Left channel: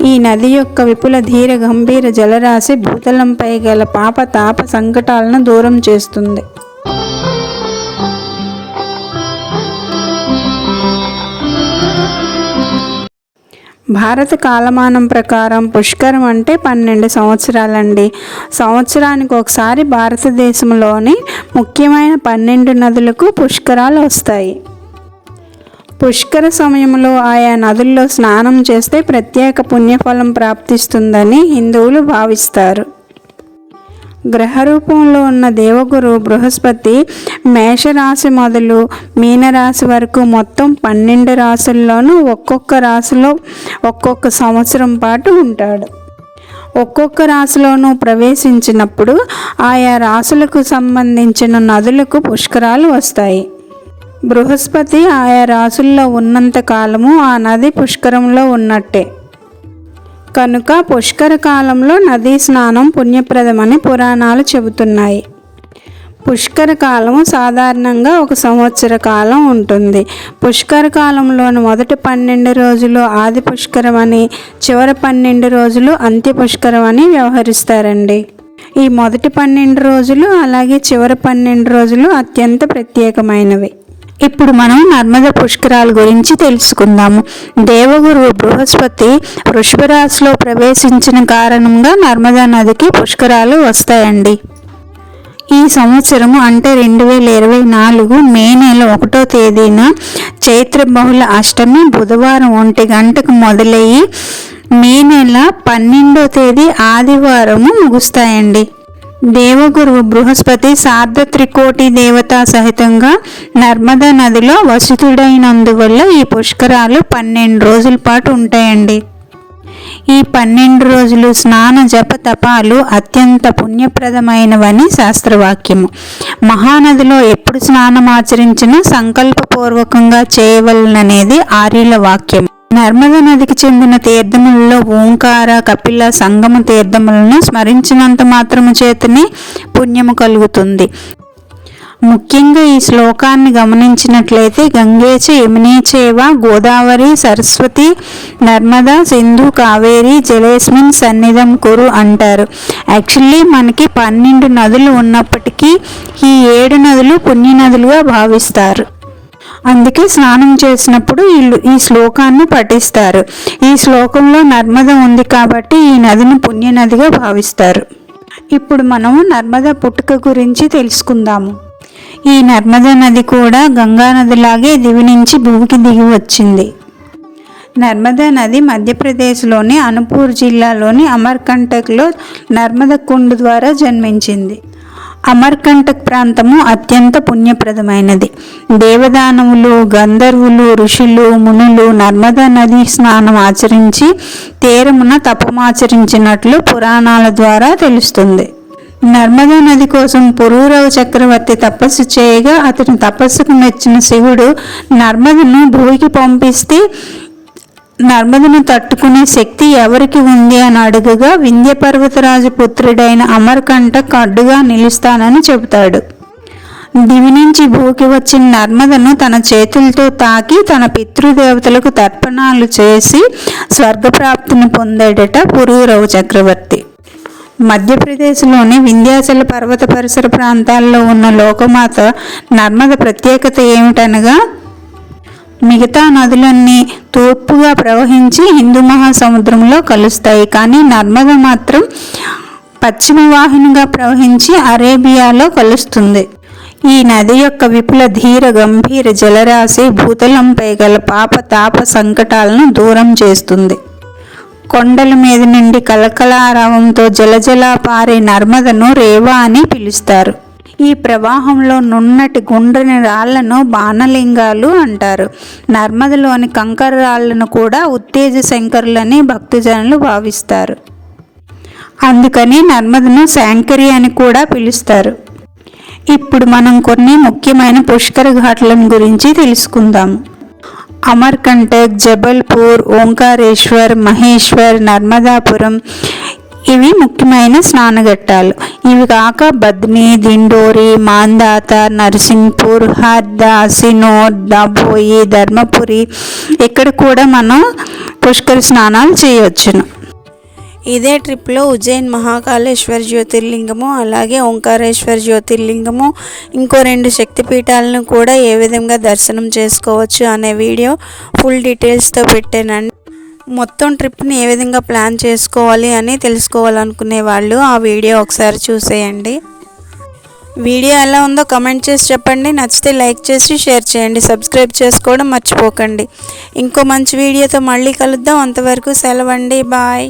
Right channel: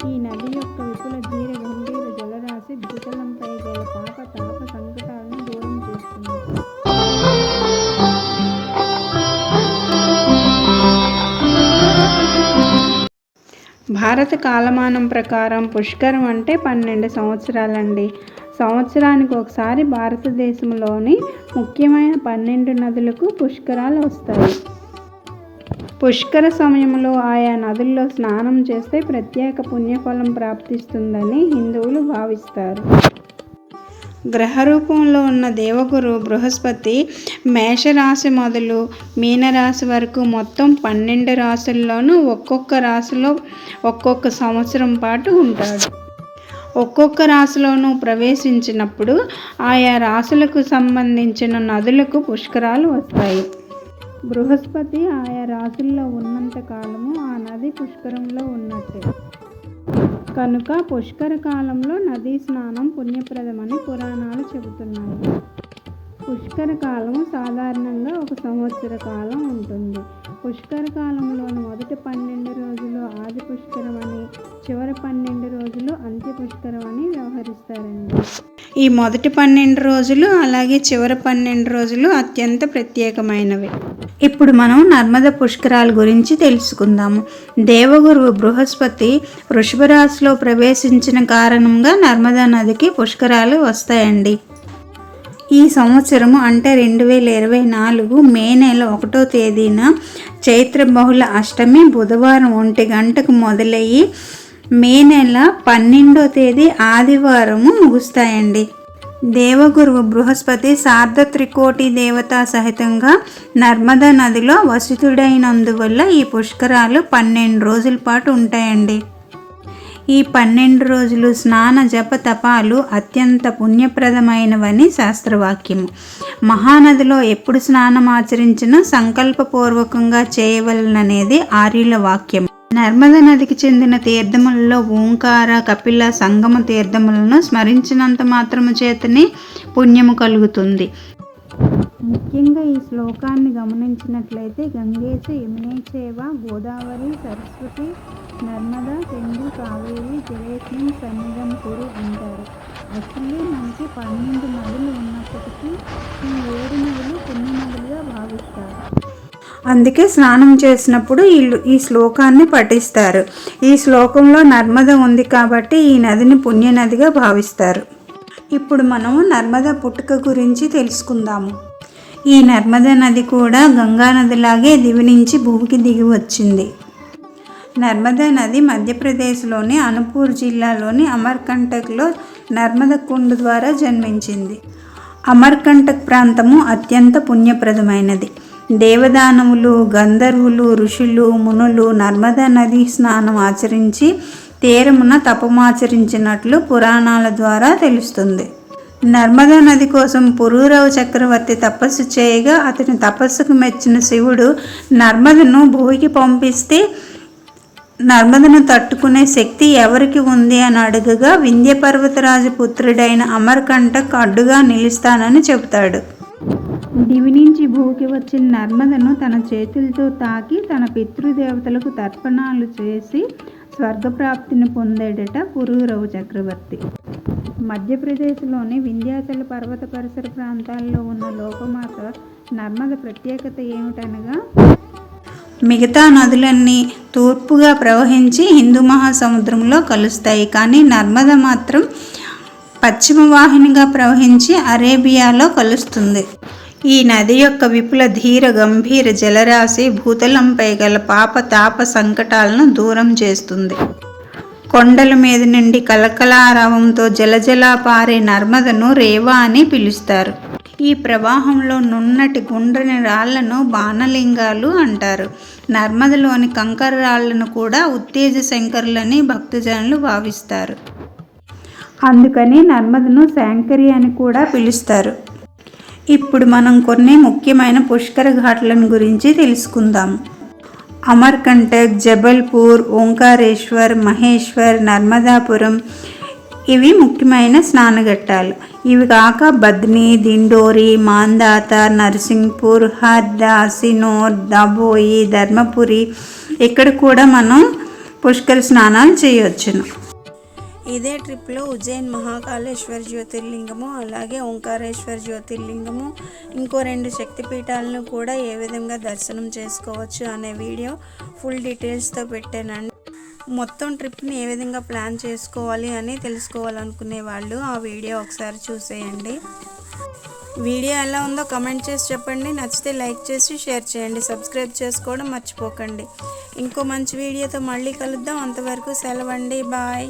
ఈ నది యొక్క విపుల ధీర గంభీర జలరాశి భూతలంపై గల పాప తాప సంకటాలను దూరం చేస్తుంది. భారత కాలమానం ప్రకారం పుష్కరం అంటే 12 సంవత్సరాలండి. సంవత్సరానికి ఒకసారి భారతదేశంలోని ముఖ్యమైన 12 నదులకు పుష్కరాలు వస్తాయి. పుష్కర సమయంలో ఆయా నదుల్లో స్నానం చేస్తే ప్రత్యేక పుణ్యఫలం ప్రాప్తిస్తుందని హిందువులు భావిస్తారు. గ్రహ రూపంలో ఉన్న దేవగురు బృహస్పతి మేషరాశి మొదలు మీనరాశి వరకు మొత్తం 12 రాశుల్లోనూ ఒక్కొక్క రాశిలో ఒక్కొక్క సంవత్సరం పాటు ఉంటాడు. ఒక్కొక్క రాశిలోనూ ప్రవేశించినప్పుడు ఆయా రాశులకు సంబంధించిన నదులకు పుష్కరాలు వస్తాయి. బృహస్పతి ఆయా రాశుల్లో ఉన్నంత కాలము ఆ నది పుష్కరంలో ఉన్నట్టే. కనుక పుష్కర కాలంలో నదీ స్నానం పుణ్యప్రదమని పురాణాలు చెబుతున్నాయి. పుష్కర కాలము సాధారణంగా 1 సంవత్సర కాలం ఉంటుంది. పుష్కర కాలంలోని మొదటి 12 రోజులు ఆది పుష్కరం అని, చివరి 12 రోజులు అంత్య పుష్కరం అని వ్యవహరిస్తారండి. ఈ మొదటి 12 రోజులు అలాగే చివరి 12 రోజులు అత్యంత ప్రత్యేకమైనవి. ఇప్పుడు మనం నర్మదా పుష్కరాల గురించి తెలుసుకుందాము. దేవగురు బృహస్పతి వృషభ రాశిలో ప్రవేశించిన కారణంగా నర్మదా నదికి పుష్కరాలు వస్తాయండి. ఈ సంవత్సరము అంటే 2024 మే నెల 1వ తేదీన చైత్ర బహుళ అష్టమి బుధవారం 1 గంటకు మొదలయ్యి మే నెల 12వ తేదీ ఆదివారము ముగుస్తాయండి. దేవగురు బృహస్పతి సార్ధ త్రికోటి దేవతా సహితంగా నర్మదా నదిలో వసితుడైనందువల్ల ఈ పుష్కరాలు 12 రోజుల పాటు ఉంటాయండి. ఈ 12 రోజులు స్నాన జప తపాలు అత్యంత పుణ్యప్రదమైనవని శాస్త్రవాక్యము. మహానదిలో ఎప్పుడు స్నానం ఆచరించినా సంకల్పపూర్వకంగా చేయవలననేది ఆర్యుల వాక్యం. నర్మదా నదికి చెందిన తీర్థములలో ఓంకార, కపిల, సంగమ తీర్థములను స్మరించినంత మాత్రము చేతనే పుణ్యము కలుగుతుంది. ముఖ్యంగా ఈ శ్లోకాన్ని గమనించినట్లయితే గంగేచ యమునేచైవ గోదావరి సరస్వతి నర్మదా సింధు కావేరి జలేస్మిన్ సన్నిధం కురు అంటారు. యాక్చువల్లీ మనకి 12 నదులు ఉన్నప్పటికీ ఈ 7 నదులు పుణ్య నదులుగా భావిస్తారు. అందుకే స్నానం చేసినప్పుడు ఈ శ్లోకాన్ని పఠిస్తారు. ఈ శ్లోకంలో నర్మద ఉంది కాబట్టి ఈ నదిని పుణ్య నదిగా భావిస్తారు. ఇప్పుడు మనం నర్మదా పుట్టుక గురించి తెలుసుకుందాము. ఈ నర్మదా నది కూడా గంగా నదిలాగే దివి నుంచి భూమికి దిగి వచ్చింది. నర్మదా నది మధ్యప్రదేశ్లోని అనుపూర్ జిల్లాలోని అమర్కంటక్లో నర్మద కుండ్ ద్వారా జన్మించింది. అమర్కంటక్ ప్రాంతము అత్యంత పుణ్యప్రదమైనది. దేవదానవులు, గంధర్వులు, ఋషులు, మునులు నర్మదా నది స్నానం ఆచరించి తీరమున తపమాచరించినట్లు పురాణాల ద్వారా తెలుస్తుంది. నర్మదా నది కోసం పురూరవ చక్రవర్తి తపస్సు చేయగా అతని తపస్సుకు మెచ్చిన శివుడు నర్మదను భూమికి పంపిస్తే నర్మదను తట్టుకునే శక్తి ఎవరికి ఉంది అని అడుగగా వింధ్య పర్వతరాజు పుత్రుడైన అమర్కంటక్ అడ్డుగా నిలుస్తానని చెబుతాడు. దివి నుంచి భూకి వచ్చిన నర్మదను తన చేతులతో తాకి తన పితృదేవతలకు తర్పణాలు చేసి స్వర్గప్రాప్తిని పొందాడట పురూరవ చక్రవర్తి. మధ్యప్రదేశ్లోని వింధ్యాచల పర్వత పరిసర ప్రాంతాల్లో ఉన్న లోకమాత నర్మద ప్రత్యేకత ఏమిటనగా మిగతా నదులన్నీ తూర్పుగా ప్రవహించి హిందూ మహాసముద్రంలో కలుస్తాయి. కానీ నర్మద మాత్రం పశ్చిమ వాహినిగా ప్రవహించి అరేబియాలో కలుస్తుంది. ఈ నది యొక్క విపుల ధీర గంభీర జలరాశి భూతలంపై గల పాప తాప సంకటాలను దూరం చేస్తుంది. కొండల మీద నుండి కలకలారావంతో జలజలా పారే నర్మదను రేవా అని పిలుస్తారు. ఈ ప్రవాహంలో నున్నటి గుండ్రని రాళ్లను బాణలింగాలు అంటారు. నర్మదలోని కంకర రాళ్లను కూడా ఉత్తేజ శంకరులని భక్తజనులు భావిస్తారు. అందుకని నర్మదను శాంకరి అని కూడా పిలుస్తారు. ఇప్పుడు మనం కొన్ని ముఖ్యమైన పుష్కర ఘాట్లను గురించి తెలుసుకుందాం. అమర్కంటక్, జబల్పూర్, ఓంకారేశ్వర్, మహేశ్వర్, నర్మదాపురం ఇవి ముఖ్యమైన స్నానఘట్టాలు. ఇవి కాక బద్ని, దిండోరి, మాందాత, నర్సింగ్పూర్, హర్దా, సినోర్, దాబోయి, ధర్మపురి ఇక్కడ కూడా మనం పుష్కర స్నానాలు చేయవచ్చును. ఇదే ట్రిప్లో ఉజ్జయిన్ మహాకాళేశ్వర జ్యోతిర్లింగము, అలాగే ఓంకారేశ్వర జ్యోతిర్లింగము, ఇంకో 2 శక్తిపీఠాలను కూడా ఏ విధంగా దర్శనం చేసుకోవచ్చు అనే వీడియో ఫుల్ డీటెయిల్స్తో పెట్టానండి. మొత్తం ట్రిప్ని ఏ విధంగా ప్లాన్ చేసుకోవాలి అని తెలుసుకోవాలనుకునే వాళ్ళు ఆ వీడియో ఒకసారి చూసేయండి. వీడియో ఎలా ఉందో కమెంట్ చేసి చెప్పండి. నచ్చితే లైక్ చేసి షేర్ చేయండి. సబ్స్క్రైబ్ చేసుకోవడం మర్చిపోకండి. ఇంకో మంచి వీడియోతో మళ్ళీ కలుద్దాం. అంతవరకు సెలవండి. బాయ్.